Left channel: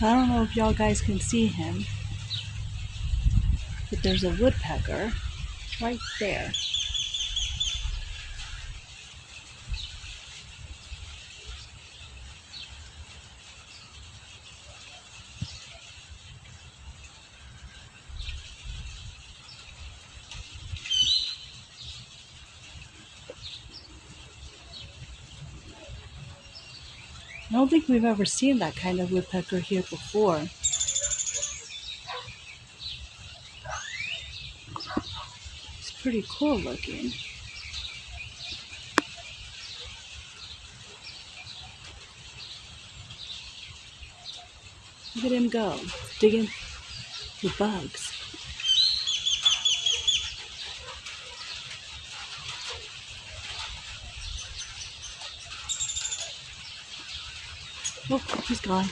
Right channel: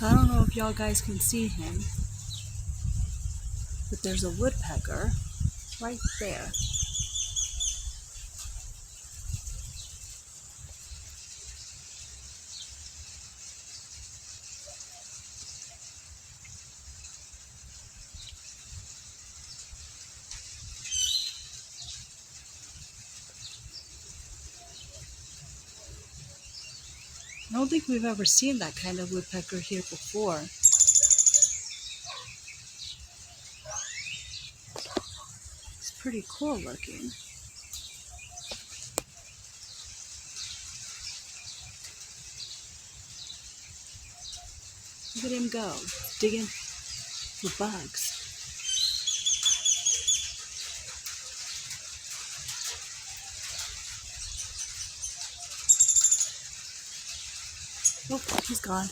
So I don't know if y'all guys can see him, but there's a woodpecker right there. I don't think we've ever seen that kind of woodpecker here before. It's pretty cool looking. Look at him go, digging for bugs. Oh, he's gone.